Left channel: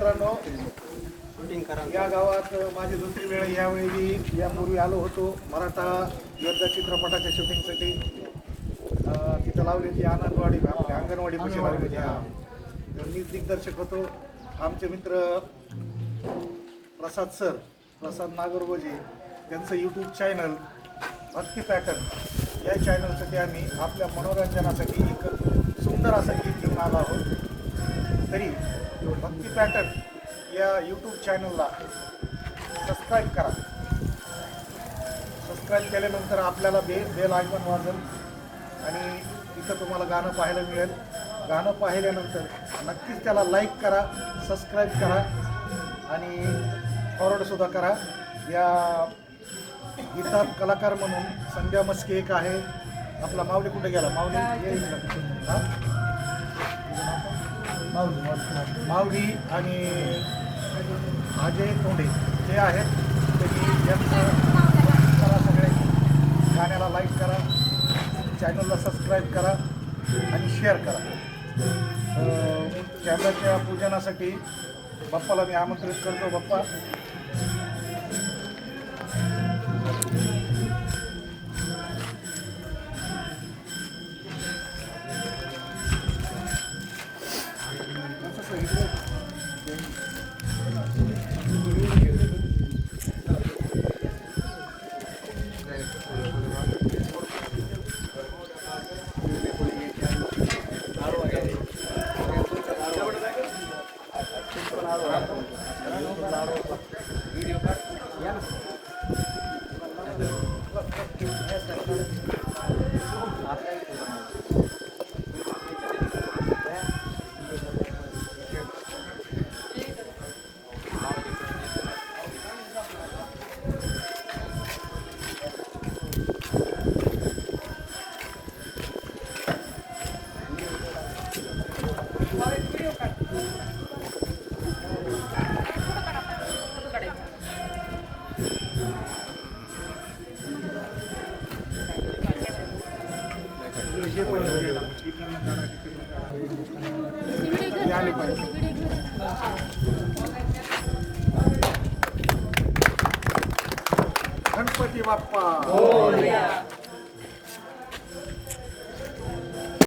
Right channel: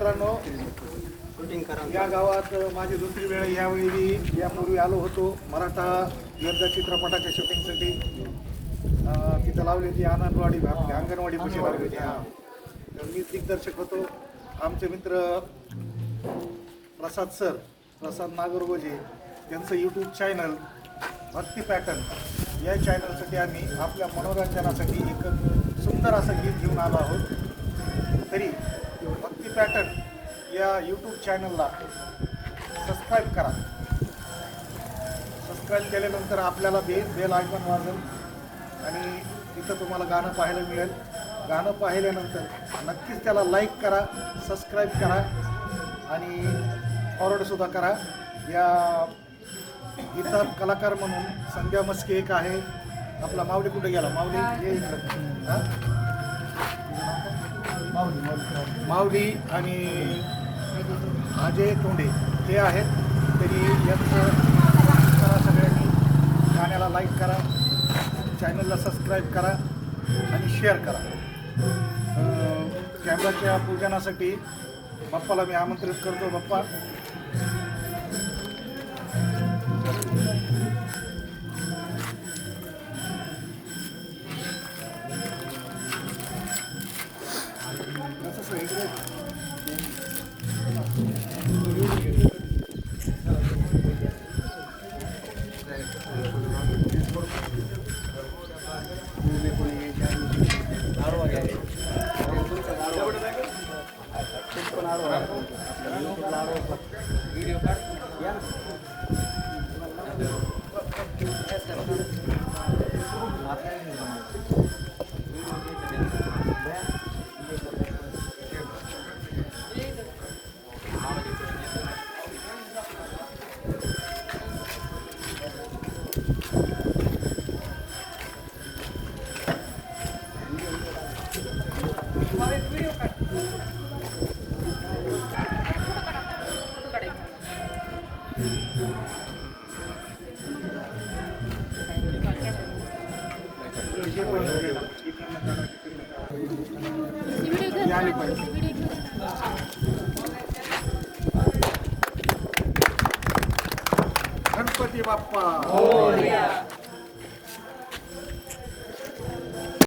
मित्रांनो, या गावात माझी दुसरी वेळ यावेळी यापूर्वी आलो होतो मराठा योद्धा चित्रपटाच्या शूटिंगसाठी. तिथं लावली होती आनंदवाडी अंगणवाडी पशी लावली होती. मी दिग्दर्शक होतो. आमचे मित्र प्रसाद नागरगोजे त्यांचं यूट्यूब चॅनल भक्ती पॅटर्न या चॅनलसाठी आम्ही आपल्या मनोरंजनासाठी एक सुंदर असं गीत घेऊन आलो आहोत. तरी भक्ती पॅटर्न या यूट्यूब चॅनलला सबस्क्राईब करा. सबस्क्राईब केल्यानंतर आपल्याला बेल आयकॉन वाजेल आणि तिथं तुम्हाला गाणं पाहायला मिळेल. गाणं पाहिल्यानंतर नक्कीच त्याला लाईक करा, सबस्क्राईब करा आणि फॉरवर्डसुद्धा करा. या गीतात कलाकार म्हणून संध्या मस्के एक आहे. आपला माऊली कुठे गेला? माऊली ये इकडं. हां, माऊली आणि अजय तोंडे हे आहेत. तरी यांचं करा, सगळ्यांनी गाण्याला लाईक करा, चॅनलला सबस्क्राईब करा आणि शेअर करा. कॅमेराच्या पूजनासाठी बाप्पाला मी आमंत्रित करतो. बाप्पा, आले पाहिजे. गणपती बाप्पा.